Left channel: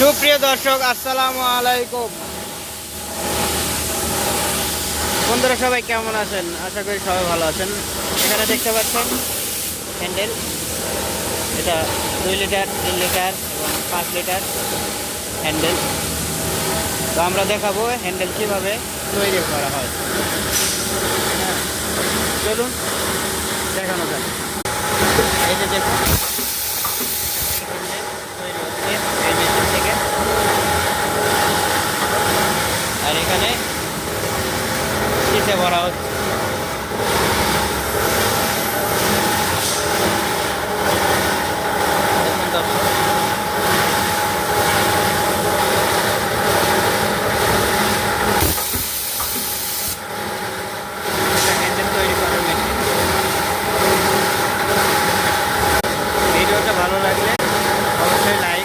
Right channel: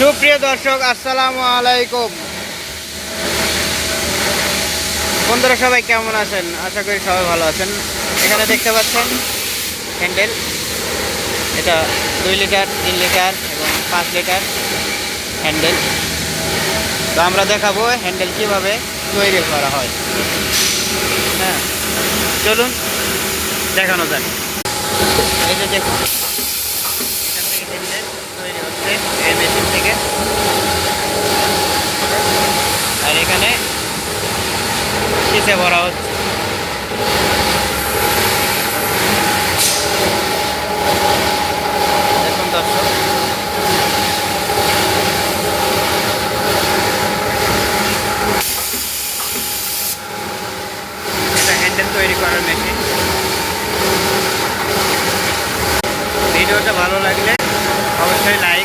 সুপ্রিয় দর্শক, আসসালামু আলাইকুম। বন্ধুরা সবাই কেমন আছেন? আশা করি সবাই ভালো আছেন। এখানে দেখতে পাচ্ছেন হ্যান্ডেল, এটা 2 লিটার, 3 লিটার এবং 5 লিটার হ্যান্ডেল। তো আমরা দেখাবো হ্যান্ডেল কিভাবে তৈরি করা হয়। হ্যাঁ, চলুন দেখানো যাক। এই যে দেখুন, এখান থেকে হ্যান্ডেল তৈরি হচ্ছে এই মেশিন থেকে। আর এখানে কিসে ভরা হচ্ছে। দেখুন দর্শক, এটা হ্যান্ডেল তৈরি করার মেশিন। ভিডিওটা ভালো লাগলে অবশ্যই লাইক